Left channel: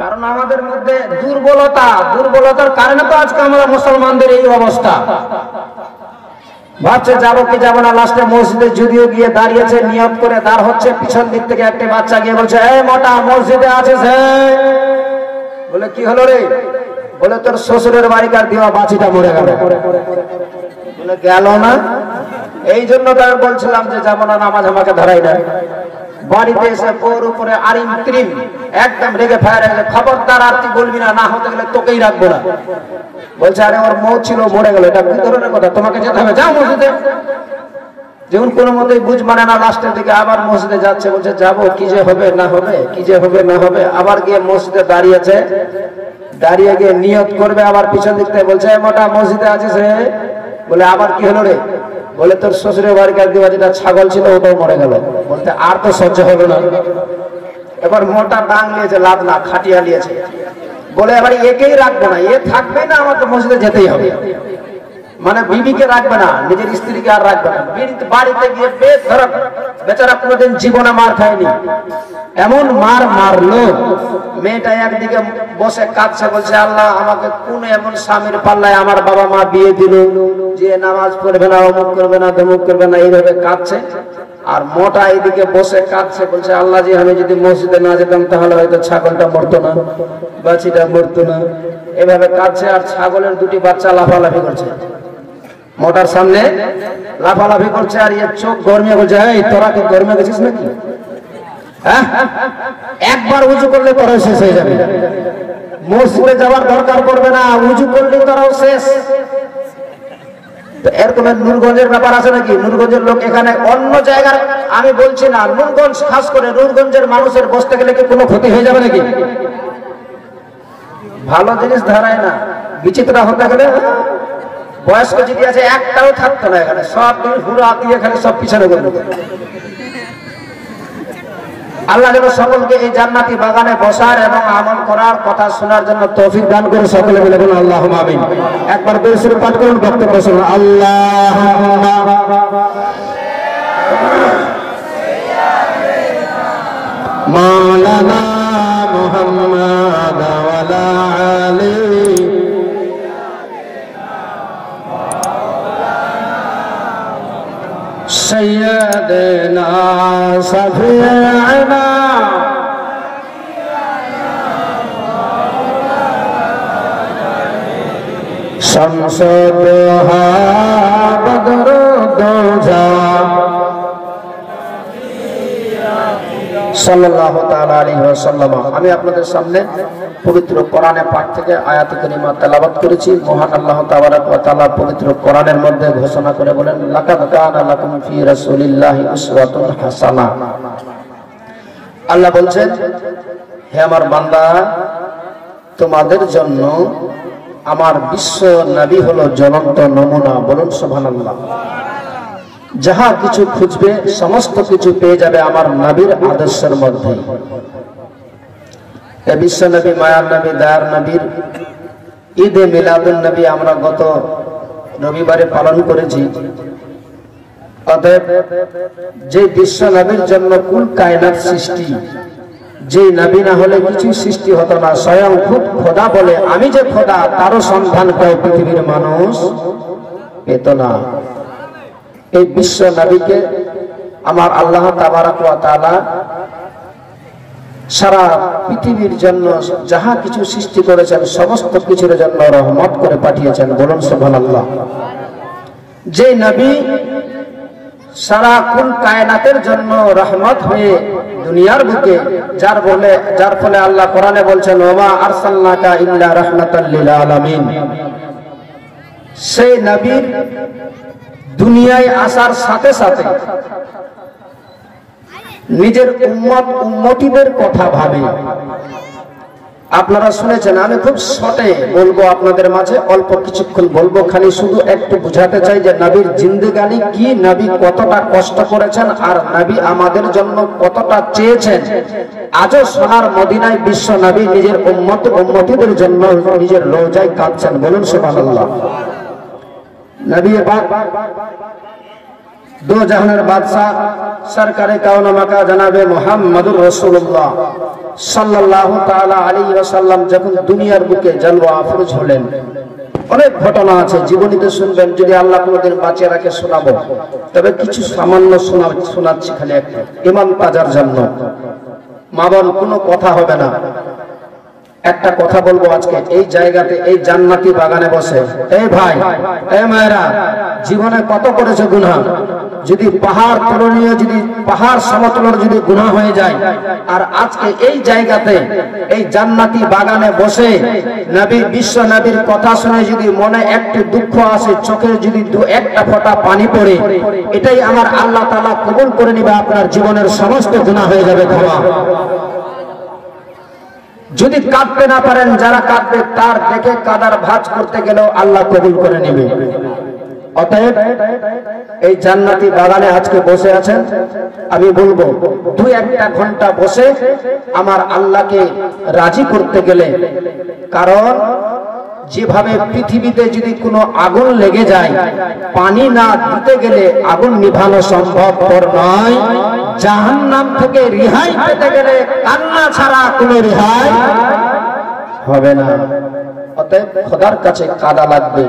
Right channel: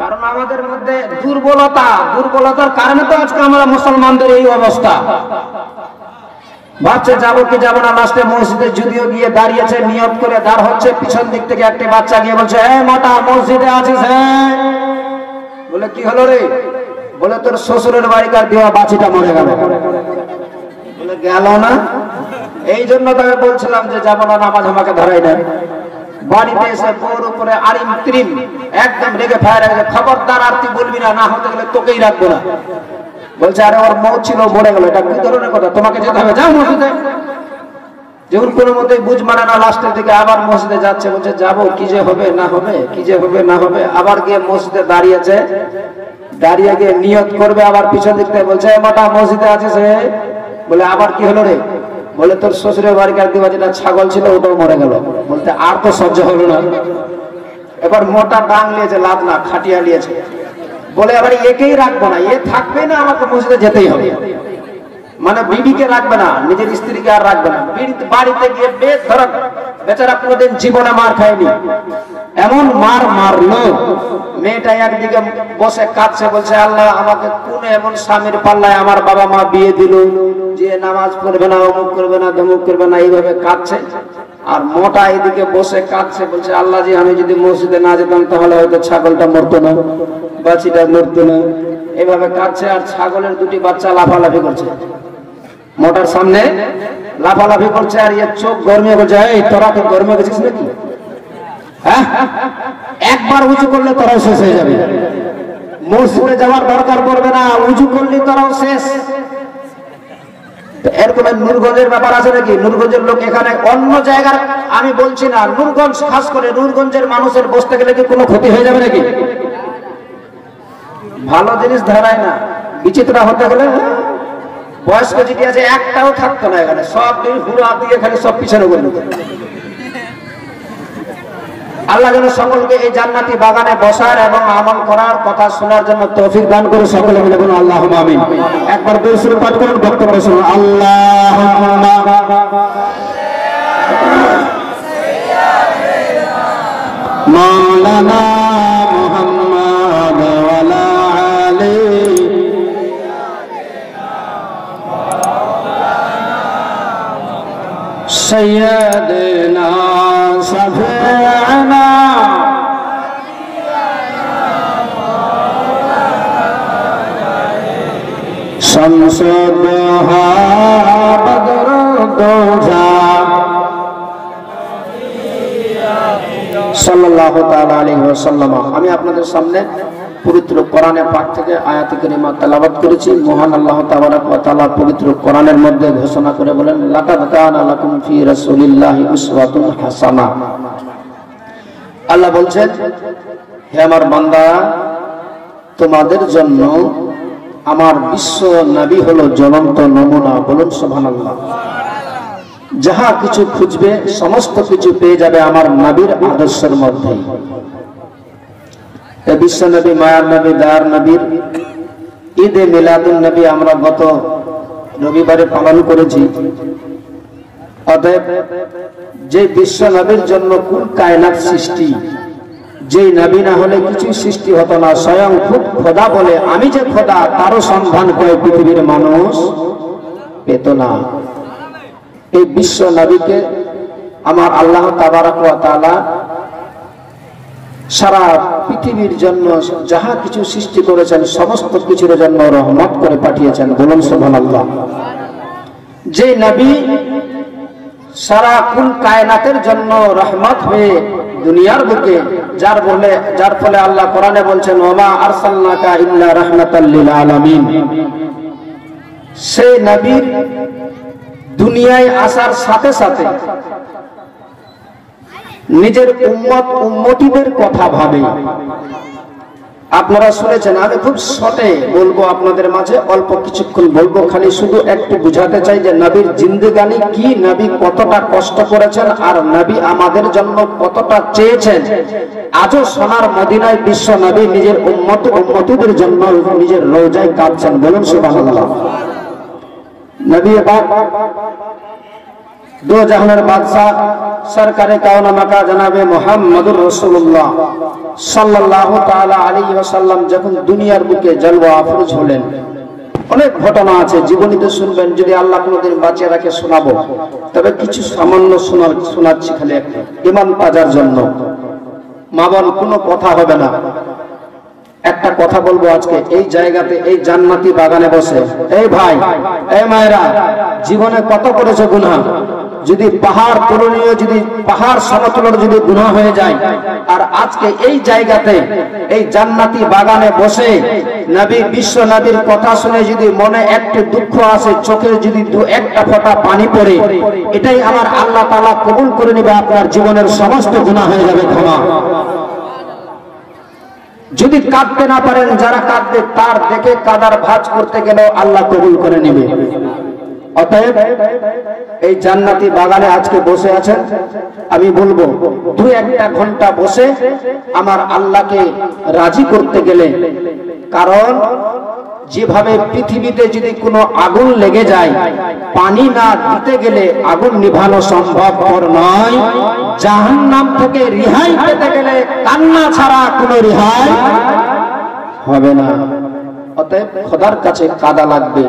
কারণ আমাদের মধ্যে দুর্বলতার কারণে তো আজকে আমরা মুসলমানদের এই অবস্থা। ভাবছে যাবো কি যাবো না, লাস্টে মসজিদে যদিও গিয়ে দাঁড়িয়েছে, নিয়ত করে দাঁড় হচ্ছে, পিছন দিক থেকে একটা বাচ্চা গিয়ে বলছে, এই মোটা মসজিদে আছিস? বলে কি হলো রে? বলে তোর শ্বশুরের বাড়িকার দেওয়া বাছিটা মরে গেল। বলে গেল না? এই জন্য তো আমি বলছিলাম যে যাবো না, নামাজ আমাকে ধরাই না। বাড়িতে এসে বউর উপরে আরিম ত্রিম একদম রেগে ফায়ার, খবরদার আর তুই বলবি না, না হতে গেলে তোকেই রাখবো না। বলছে আরে ওর মৌ ছিল, মরে গেল, এটা কোন ধরনের কথা? তোমাকে যেতে হবে, যাও মসজিদে। যেমন কোনো মতেই বুঝ মানে না, লাস্টের দিকে আবার মসজিদে যাচ্ছে, বলছে যাবো, কি যে হবে না হবে, কি যে হবে না হবে। আবার গিয়ে মসজিদে দাঁড়িয়েছে, দাঁড়িয়ে গিয়ে নিয়ত করবে, আবার পিছন দিক থেকে বলছে মোটা মসজিদে আছিস? বলে আবার কি হলো রে? বলে তোর শ্বশুরের বাড়িকার দেওয়া যেটা ছাগল ছিল ওটাও মরে গেল। বলতে আর তো সহ্য হলো না। এবার মোটা ডাং নিয়েছে, লাভ না খাটিয়া নিয়েছে। বলে এবার একেই রাখবো না, এ থাকবে না, আমাকে মসজিদে যেতেই হবে। মানে বিবিকে রাখবে না, নিজের স্ত্রীকে আর রাখবে না। বাড়িতে গিয়ে বেধড়ক, বেচারা কোনোদিন জীবনে মার খায়নি, এমন মার মারলো। মেয়েটা একদিকে বসে কাঁদছে, বলছে আল্লাহ আমাকে কোন এমন স্বামীর পাল্লায় আমার বাবা মা বিয়ে দিল যে নামাজ পড়বে না, অমুক করবে না, তমুক করবে না, এইভাবে কাঁদছে। আর মোটা এদিকে বসে কাঁদছে, বলছে আল্লাহ জি আমি যদি মসজিদে না যেতাম তাহলে হয়তো ছাগলটা মরতো না, বাছিটা মরতো না। এভাবে কাঁদছে, আর ছাগলের দুটি বাচ্চা লাফালাফি করছে, মোটার সামনে লাফালাফি করছে। আর এর চোখ গরমিয়ে বলছে, এই তোরা তো গরমে গেছিস নাকি? হ্যাঁ, একবার উঁচু করলে তোরাও শেষ হয়ে যাবে। মসজিদে যাওয়ার দরকার পড়বে না, উঁচু করলে তোরাও শেষ। এর কোন নূরগঞ্জের ব্যাপার আছে নাকি? নূরগঞ্জের লোক এখানে অন্য জায়গার আমি বলছি না, নূরগঞ্জ খাস করে নূরগঞ্জের মানুষের বসতে গেলে কি কোনো ক্ষতি হয়ে যাবে নাকি? ভালো জিনিস ধরায় না, বিচিত্র হতে গেলে বয়স্ক যেটি আছে একটাও থাকতো না এখানে, সব হুড়া দিয়ে এখানে সব পিছনে করে। আল্লাহ যেন সকলকে এই জান্নাতি বাগানে বসার এবং আমল করার কথা শোনার জন্য তৌফিক দান করে। সকলে বলে বলুন আল্লাহুম্মা আমিন। একবার বের সুরে পাঠ করুন, বক্তব্য শুনুন। আল্লাহুম্মা মাওলানা মুহাম্মাদ ওয়া আলা আলি সাইয়্যিদিনা শাফি'না শামসে দুহা বদর দুজা সাল্লাল্লাহু তাআলা আলাইহি ওয়াসাল্লাম। আমি আপনাদের সামনে পবিত্র কোরআনে পাক থেকে আয়াত কারিমা তেলাওয়াত করেছি। মহান আল্লাহ তাবারক ওয়া তাআলা পবিত্র কোরআনের মধ্যে ঘোষণা করে বলেন, লাকাদ কানা লাকুম ফি রাসূলিল্লাহি উসওয়াতুন হাসানাহ। আল্লাহ বলছেন, হে আমার বান্দা, তোমাদের জন্য আমার বিশ্ব নবী হলো জ্বলন্ত নমুনা। বলুন সুবহানাল্লাহ। যাহা কিছু খুঁজবে সমস্ত কিছু পেয়ে যাবে আমার নবীর আদর্শের মধ্যে। বিশ্ব নবী, মায়ার নবী, দয়ার নবীর ঈদে মিলাদুন নবী আমরা গত রবিবারে পালন করেছি। অতএব যে বিশ্ব নবীর জন্য কুল কায়নাত সৃষ্টি, যে নবী না হলে কিছু সৃষ্টি হতো না। স্বয়ং খুব খোদা বলে আমি যে খোদা তারও সন্ধান করে পৃথিবীর মানুষ পেত না। এই বিশ্ব নবীকে আমার আল্লাহ তাবারক ওয়া তাআলা সারা পৃথিবীর জন্য যাহা কিছু সৃষ্টি করেছেন সমস্ত কিছুর জন্য রহমত করে পাঠিয়েছেন। বলুন সুবহানাল্লাহ। যে নবী সারা কুল কায়নাতের জন্য রহমত হয়ে দুনিয়ার বুকে, যার ফলে আল্লাহ কোরআনে বলছেন, ওমা আরসালনাকা ইল্লা রাহমাতাল লিল আলামিন। সেই নবীর দুনিয়ায় আসার সাথে সাথে নিজের উম্মত উম্মতিদের কথা ভাবে। আপনারা শুনেছেন, আমি খুব শর্টে বলবো আপনাদের মাঝে, অল্প কিছুক্ষণ বলবো, খালি শুধু একটু বুঝাতে চাই যে নবীর জিন্দেগানি কি, নবী কতটা কষ্ট করেছেন, আর নবী আমাদের জন্য কতটা চেয়েছেন। আজও সোনার মদিনায় বিশ্ব নবী নিজের উম্মত উম্মতিদের জন্য নিজের রওজায় কাঁদছেন। বলুন সুবহানাল্লাহ। নবী दो जहाনের बादशाह सरकारे काउना मका जनाबे मुहम्मदुर रसूलुल्लाह সাল্লাল্লাহু তাআলা আলাইহি ওয়াসাল্লাম যখন দুনিয়ার বুকে জলওয়া আফরোজ হলেন। অনেক ঘটনা আছে, জীবনীতে শুনবেন, যদি আল্লাহ কোনোদিন বাঁচিয়ে রাখে শোনাবো, তবে কিছু সামান্য শোনাচ্ছি খালি একটা ইমাম তাজার জন্য। মা বোন কোনো কথা হবে না, একটা কথা বলবো আজকে এই জায়গাতে, এই জান্নাতি বাগানে বসে। এই ভাই, এই মায়েরা, জীবনে কত করেছো গুনাহ, যদি পাহাড় পূরণীয়, যদি পাহাড় সমতলের যদি গুনাহ হয়ে যায়, আর আজকে এই জায়গাতে এই জান্নাতি বাগানে বসে নবী, বিশ্ব নবীর কথা শুনে যদি মনে একটু দুঃখ আসে, চোখে যদি একটা ফোঁটা পানি পড়ে, এটাই আমার আল্লাহ তাআলা কবুল করে নিবে, আপনার জীবনের সমস্ত গুনাহ হয়ে যাবে ক্ষমা। যদি কাঁদতে না পারেন, যারা কাঁদবে তার দেখে কাদার ভাঁজ করতে গেলেও আল্লাহ কবুল করে নেবে। অতএব এই জান্নাতি বাগানে আজকে বসে আছেন, আমি বলবো 2-1 ঘন্টা বসে আমার আল্লাহকে রাজি করতে গেলে, কারণ যেভাবে পৃথিবীতে যদি কোনো আগুন লেগে যায়, পানি না দিতে গেলে আগুন নিভানো সম্ভবপর নয়, জাহান্নাম থেকে রেহাই পেতে গেলে কান্না ছাড়া কোনো রেহাই হবে না। অতএব খোদার কাছে কাঁদা লাগবে,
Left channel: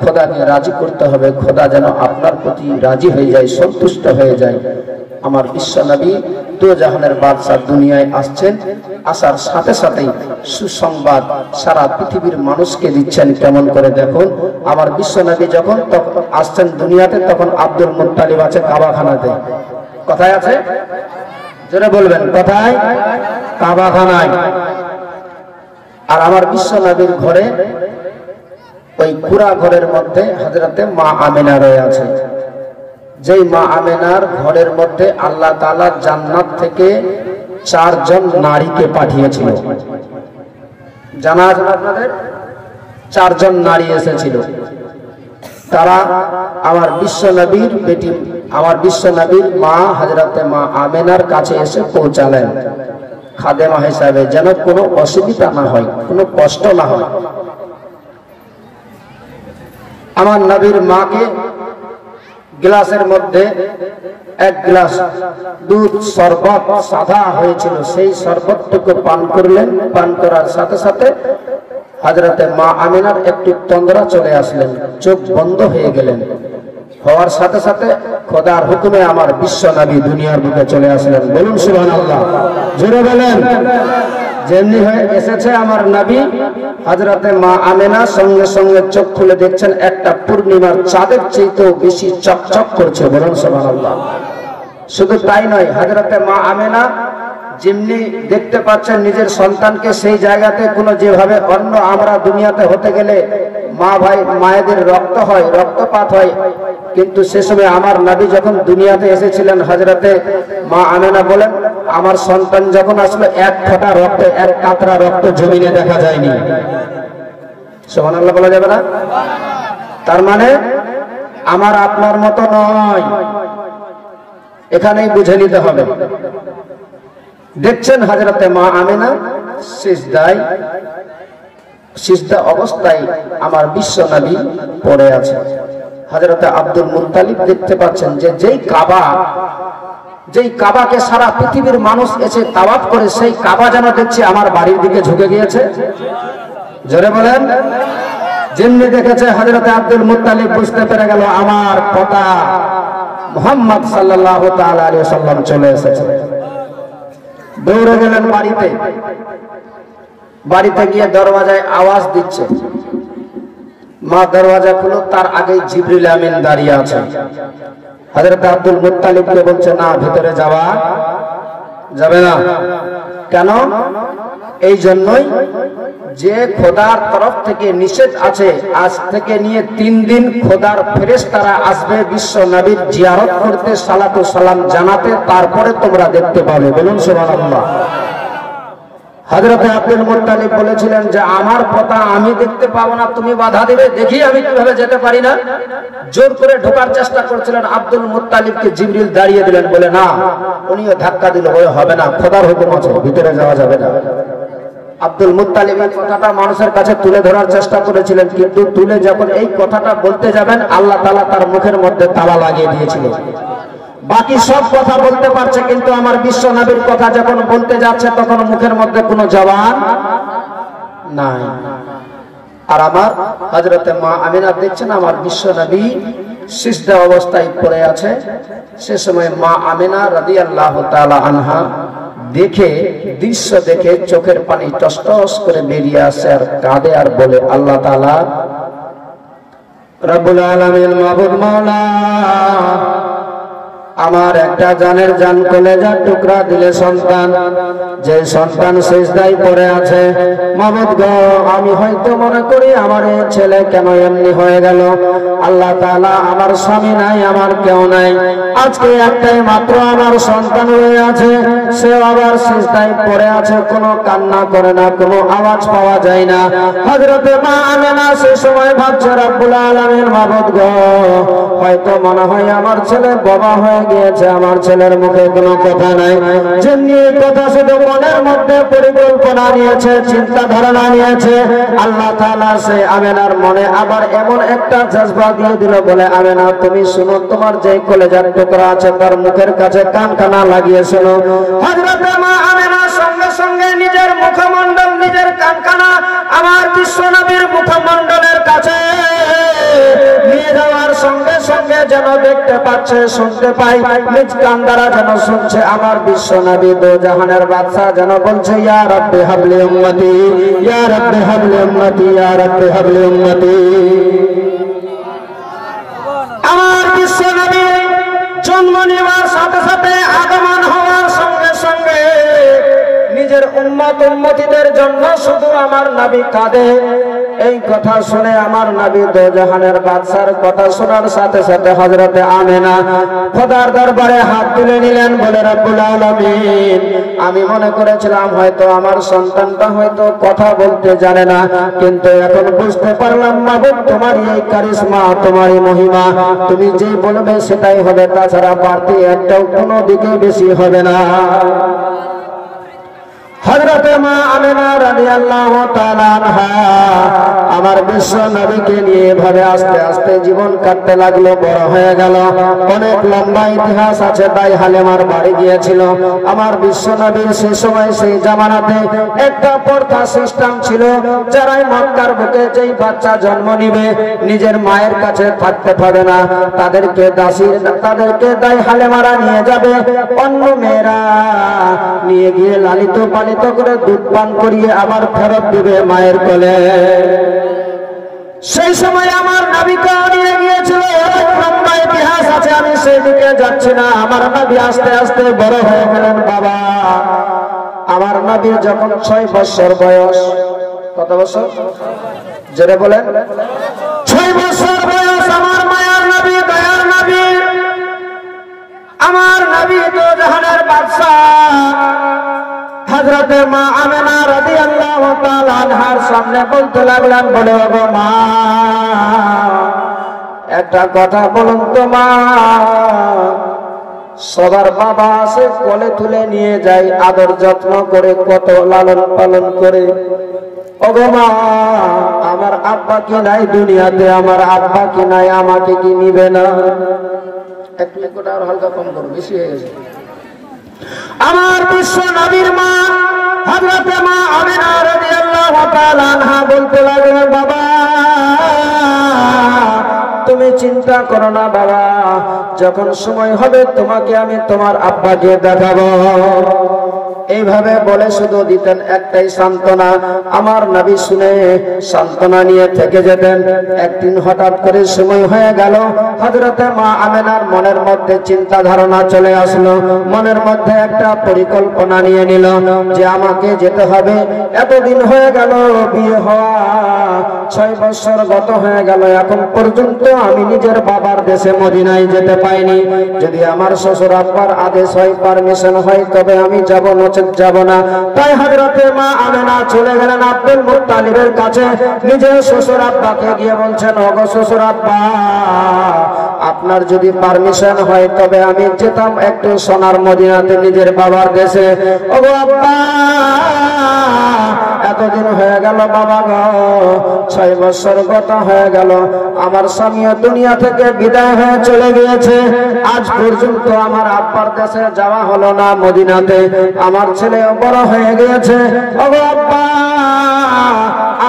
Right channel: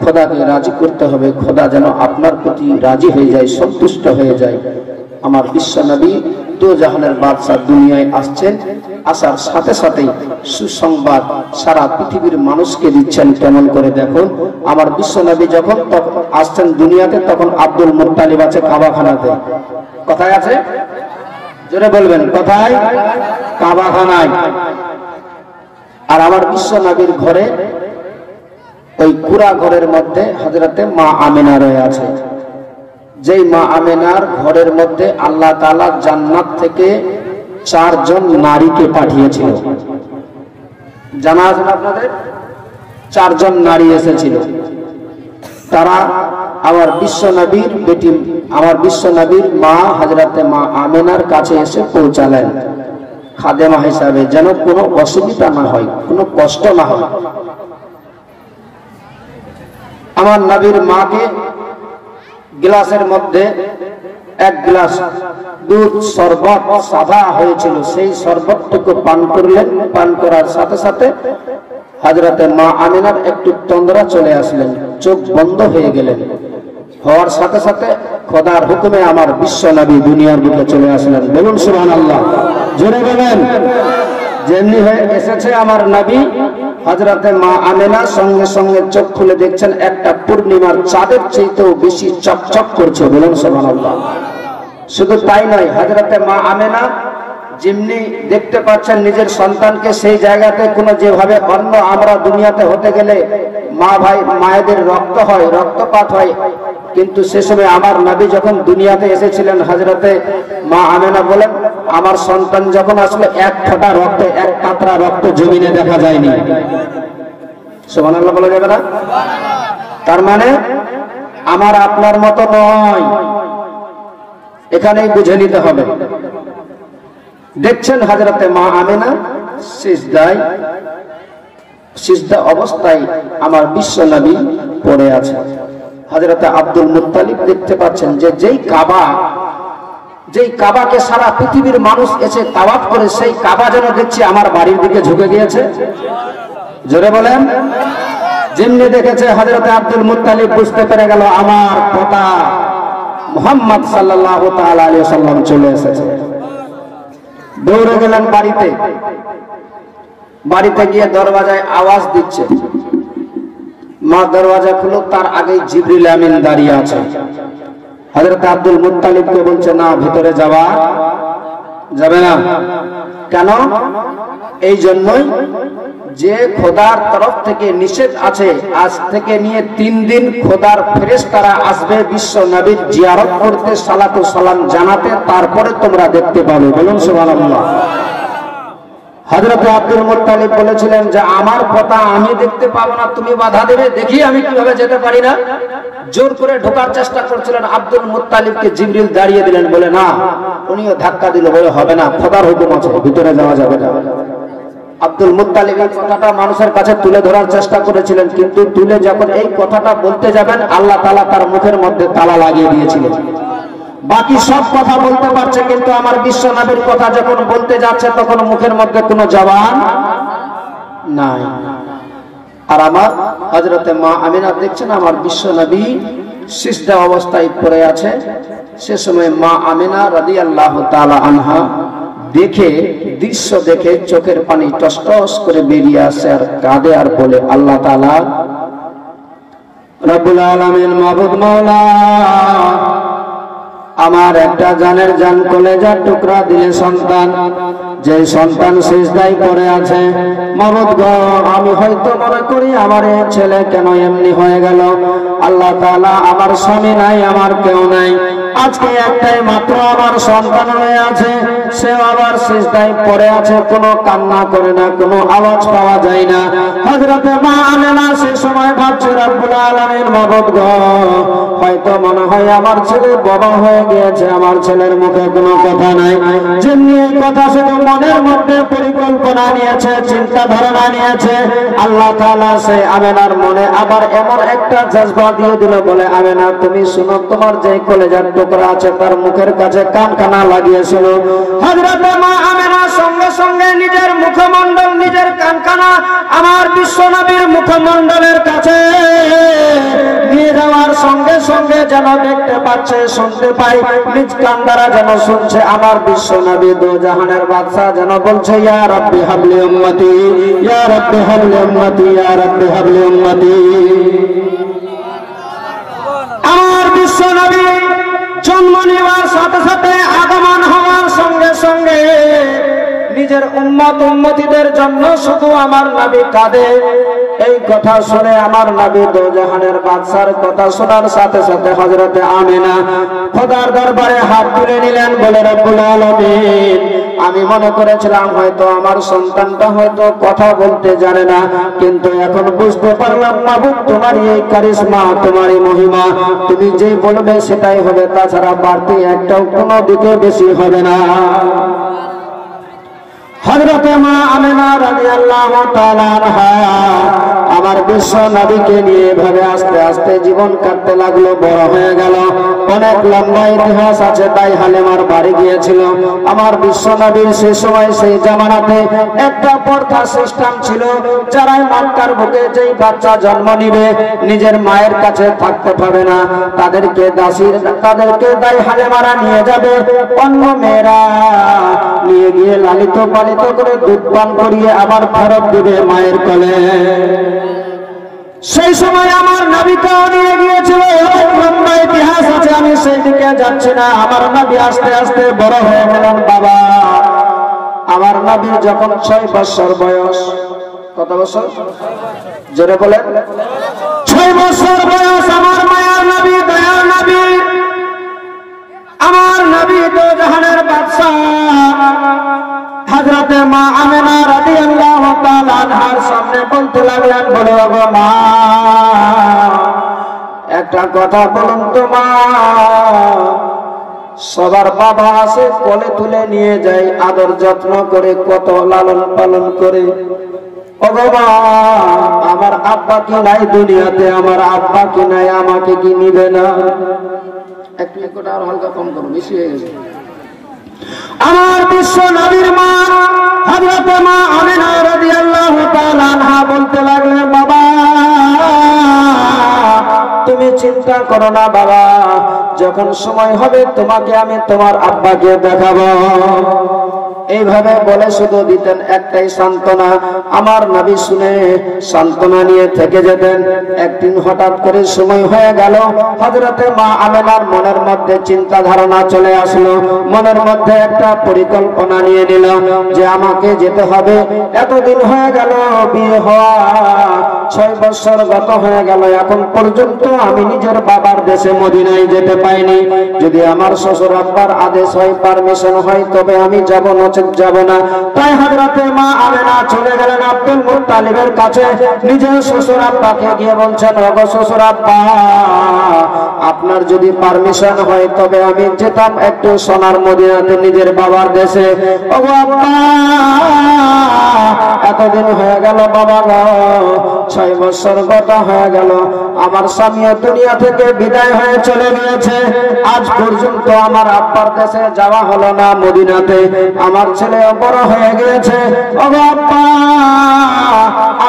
খোদাকে রাজি করতে হবে, খোদা যেন আপনার প্রতি রাজি হয়ে যায়, সন্তুষ্ট হয়ে যায়। আমার বিশ্ব নবী দো জাহানের বাদশা দুনিয়ায় আসছেন, আসার সাথে সাথেই সুসংবাদ সারা পৃথিবীর মানুষকে দিচ্ছেন। কেমন করে দেখুন, আমার বিশ্ব নবী যখন আসছেন দুনিয়াতে, তখন আব্দুল মুত্তালিব আছে কাবাখানাতে। কোথায় আছে? জোরে বলবেন, কোথায়? কাবাখানায়। আর আমার বিশ্ব নবীর ঘরে, ওই কুরা ঘরের মধ্যে হযরতে মা আমিনা রয়ে আছে। যেই মা আমিনার ঘরের মধ্যে আল্লাহ তাআলা জান্নাত থেকে 4 জন নারীকে পাঠিয়েছিল। জানা আছে আপনাদের? 4 জন নারী এসেছিল। তারা আমার বিশ্ব নবীর বেটি, আমার বিশ্ব নবীর মা হযরতে মা আমিনার কাছে এসে পৌঁছালেন খাদেমা হিসাবে, যেন কোনো অসুবিধা না হয়, কোনো কষ্ট না হয়। আমার নবীর মাকে গ্লাসের মধ্যে 1 গ্লাস দুধ শরবত সাদা হয়েছিল, সেই শরবতটুকু পান করলেন। পান করার সাথে সাথে হযরতে মা আমিনার একটু তন্দ্রা চলে আসলেন, চোখ বন্ধ হয়ে গেলেন। হওয়ার সাথে সাথে খোদার হুকুমে আমার বিশ্ব নবী দুনিয়ার বুকে চলে আসলেন। বলুন সুবহানাল্লাহ, জোরে বলেন। যেমনি হয়ে এসেছে আমার নবী, হযরতে মা আমিনা সঙ্গে সঙ্গে চোখ খুলে দেখছেন একটা পূর্ণিমার চাঁদের চাইতেও বেশি চকচক করছে। বলুন সুবহানাল্লাহ। শুধু তাই নয়, হযরতে মা আমিনা যেমনি দেখতে পাচ্ছেন নিজের সন্তানকে, সেই জায়গাতে কোনো যেভাবে অন্য আমরা দুনিয়াতে হতে গেলে মা ভাই মায়েদের রক্ত হয়, রক্তপাত হয়, কিন্তু সে সময় আমার নবী যখন দুনিয়াতে এসেছিলেন, হযরতে মা আমিনা বলেন, আমার সন্তান যখন আসলো 1 ফোঁটা রক্ত, 1 কাতরা রক্ত জমিনে দেখা যায়নি। সুবহানাল্লাহ বলা যাবে না? তার মানে আমার আপনার মতো নয়, এখানেই বুঝে নিতে হবে। দেখছেন হযরতে মা আমিনা সিজদা অবস্থায় আমার বিশ্ব নবী পড়ে আছে। হযরতে আব্দুল মুত্তালিব দেখতে পাচ্ছেন যে যেই কাবাকে সারা পৃথিবীর মানুষ এসে তাওয়াফ করে, সেই কাবা যেন দেখছি আমার বাড়ির দিকে ঝুঁকে গিয়েছে। জোরে বলেন। যেমনি দেখেছে হযরতে আব্দুল মুত্তালিব বুঝতে পেরে গেল আমার পিতা মুহাম্মদ সাল্লাল্লাহু তাআলা আলাইহি ওয়াসাল্লাম চলে এসেছে। দৌড়ে গেলেন বাড়িতে। বাড়িতে গিয়ে দরওয়াজায় আওয়াজ দিচ্ছে, মা দরওয়াজা খুলো, তার আগেই জিবরিল আমিন দাঁড়িয়ে আছে। হযরত আব্দুল মুত্তালিবকে বলছে, না, ভিতরে যাওয়া যাবে না। কেন? এই জন্যই যে খোদার তরফ থেকে নিষেধ আছে, আজ থেকে নিয়ে 3 দিন খোদার ফেরেশতারা আসবে বিশ্ব নবীর জিয়ারত করতে, সালাতু সালাম জানাতে, তারপরে তোমরা দেখতে পাবে। বলুন সুবহানাল্লাহ। হযরত আব্দুল মুত্তালিব বলেছিলেন যে আমার পিতা আমি দেখতে পাবো না, তুমি বাধা দেবে, দেখি আমি কিভাবে যেতে পারি না। জোর করে ঢোকার চেষ্টা করছিলেন, আব্দুল মুত্তালিবকে জিবরিল দাঁড়িয়ে দিলেন, বলে না। উনিও ধাক্কা দিল, বলে হবে না, খোদার হুকুম আছে, ভিতরে যাওয়া যাবে না। আব্দুল মুত্তালিব এই কথাটা মানুষের কাছে তুলে ধরার চেষ্টা করেছিলেন, কিন্তু তুলে যখন এই কথাটা বলতে যাবেন, আল্লাহ তাআলা তার মুখের মধ্যে তালা লাগিয়ে দিয়েছিলেন। বাকি সব কথা বলতে পারছে, কিন্তু আমার বিশ্ব নবীর কথা যখন বলতে যাচ্ছে তখন মুখের মধ্যে কোনো জবান নাই। আর আমার হযরতে মা আমিনা দেখছেন আমার বিশ্ব নবী সিজদা অবস্থায় পড়ে আছে। সে সময় মা আমিনা রাদিয়াল্লাহু তাআলা আনহা দেখে, দৃশ্য দেখে চোখের পানি টস টস করে বেরিয়ে আসে আর কাঁদে আর বলে, আল্লাহ তাআলা রব্বুল আলামিন মাবুদ মাওলা, আমার একটা জানের জান কলেজার টুকরা দিলে সন্তান, যে সন্তান সিজদায় পড়ে আছে, মাবুদ গো আমি হয়তো মনে করি আমার এই ছেলে কেন এমনি হয়ে গেল। আল্লাহ তাআলা আমার স্বামী নাই, আমার কেউ নাই, আজকে একটাই মাত্র আমার সন্তান হয়ে আছে, সে আবার সিজদায় পড়ে আছে, কোনো কান্না করে না, কোনো আওয়াজ পাওয়া যায় না। হযরতে মা আমিনা সে সময় ভাবছে, রব্বুল আলামিন মাবুদ গো হয়তো মনে হয় আমার ছেলে বাবা হয়ে গিয়েছে, আমার ছেলের মুখে কোনো কথা নাই। যেমনি এই কথা শুধু মনের মধ্যে পরিকল্পনা নিয়েছে, চিন্তা ধারণা নিয়েছে, আল্লাহ তাআলা সে আমিনার মনে আবার এমন একটা জজবা দিয়ে দিল, বলে আমিনা তুমি শুনো, তোমার যে কলেজার টুকরা আছে তার মুখের কাছে কানখানা লাগিয়েছিল। হযরত মা আমিনা সঙ্গে সঙ্গে নিজের মুখমণ্ডল, নিজের কানখানা আমার বিশ্ব নবীর মুখমণ্ডলের কাছে নিয়ে যাওয়ার সঙ্গে সঙ্গে যেন দেখতে পাচ্ছে, শুনতে পাই, নিজ কান দ্বারা যেন শুনছে আমার বিশ্ব নবী দো জাহানের বাদশা যেন বলছে, ইয়া রাব্বি হাবলি উম্মতি, ইয়া রাব্বি হাবলি উম্মতি, ইয়া রাব্বি হাবলি উম্মতি। আমার বিশ্ব নবী জন্ম নেওয়ার সাথে সাথে, আগমন হওয়ার সঙ্গে সঙ্গে নিজের উম্মত উম্মতিদের জন্য শুধু আমার নবী কাঁদে। এই কথা শুনে আমার নবী দো জাহানের বাদশার কথা শোনার সাথে সাথে হযরতে আমিনা খোদার দরবারে হাত তুলে নিলেন, বলে রব্বুল আলামিন আমি মনে করেছিলাম হয়তো আমার সন্তানটা হয়তো কথা বলতে জানে না, কিন্তু এখন বুঝতে পারলাম মাবুদ তোমারই এই কারিশমা, তোমারই মহিমা, তুমি যে বলবে সেটাই হবে, তাছাড়া বাড়তি একটাও কোনো দিকে বেশি হবে না। হযরতে মা আমিনা রাদিয়াল্লাহু তাআলা আনহা আমার বিশ্ব নবীকে নিয়ে ভাবে আস্তে আস্তে জীবন কাটতে লাগলো, বড় হয়ে গেল। অনেক লম্বা ইতিহাস আছে। দাই হালেমার বাড়ি গিয়েছিল আমার বিশ্ব নবীর। সে সময় সেই জামানাতে একটা প্রথা সিস্টেম ছিল, যারাই মক্কার বুকে যেই বাচ্চা জন্ম নিবে নিজের মায়ের কাছে থাকতে পাবে না, তাদেরকে দাই হালেমারা নিয়ে যাবে, অন্য মেয়েরা নিয়ে গিয়ে লালিত পালিত করে দুধ পান করিয়ে আবার ফেরত দিবে মায়ের কোলে। সেই সময় আমার নবীকে নিয়ে গিয়েছিল, অনেক লম্বা ইতিহাস আছে, আমি সেই দিকে যাচ্ছি না। আমার নবী আস্তে আস্তে বড় হয়ে গেলেন। বাবা আমার নবীর যখন 6 বছর বয়স, কত বছর জোরে বলেন, 6 বছর বয়স, আমার মায়ের নবী, দয়ার নবী, আমার নবী তো জাহানের বাদশা হযরতে মা আমিনা রাদিয়াল্লাহু তাআলা আনহার সামনে বলতে লাগলেন, বলে ওগো মা একটা কথা বলুন তো মা, সবার বাবা আছে, কোলে তুলে নিয়ে যায়, আদর যত্ন করে, কত লালন পালন করে, ওগো মা আমার আব্বা কি নাই দুনিয়াতে, আমার আব্বা কি নাই, আমাকে কি নিবে না? একটু আর হালকা কম করো, বেশি হয়ে গেছে। আমার বিশ্ব নবীর মা হযরতে মা আমিনা রাদিয়াল্লাহু তাআলা আনহা বলতে লাগলেন, বাবা তুমি চিন্তা করো না বাবা, যখন সময় হবে তোমাকে আমি তোমার আব্বাকে দেখাবো। এইভাবে বলে শুধু দিতেন একটাই সান্ত্বনা। আমার নবী শুনে সান্ত্বনা নিয়ে থেকে যেতেন। একদিন হঠাৎ করে সময় হয়ে গেল, হযরতে মা আমিনার মনের মধ্যে চিন্তা ধারণা চলে আসলো, মনের মধ্যে একটা পরিকল্পনা নিয়ে নিল যে আমাকে যেতে হবে। এতদিন হয়ে গেল বিয়ে হওয়া, 6 বছর গত হয়ে গেল, এখন পর্যন্ত আমি নিজের বাবার দেশে মদিনায় যেতে পাইনি। যদি আমার শ্বশুর আব্বার আদেশ হয়, পারমিশন হয়, তবে আমি যাব, নচেৎ যাব না। তাই হযরতে মা আমিনা চলে গেলেন আব্দুল মুত্তালিবের কাছে। নিজের শ্বশুর আব্বাকে গিয়ে বলছেন, ওগো শ্বশুর আব্বা আপনার যদি পারমিশন হয় তবে আমি যেতাম একটু সোনার মদিনাতে, নিজের বাবার দেশে। ওগো আব্বা এতদিন হয়ে গেল বাবা গো, 6 বছর গত হয়ে গেল, আমার স্বামীও দুনিয়া থেকে বিদায় হয়ে চলে গিয়েছে। আজ পর্যন্ত আমার আব্বার দেশে যাওয়া হলো না মদিনাতে। আমার ছেলে বড় হয়ে গিয়েছে। ওগো আব্বা,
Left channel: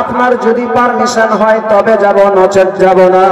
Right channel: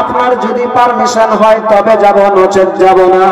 আপনার যদি পারমিশন হয় তবে যাব, নচেত যাব না।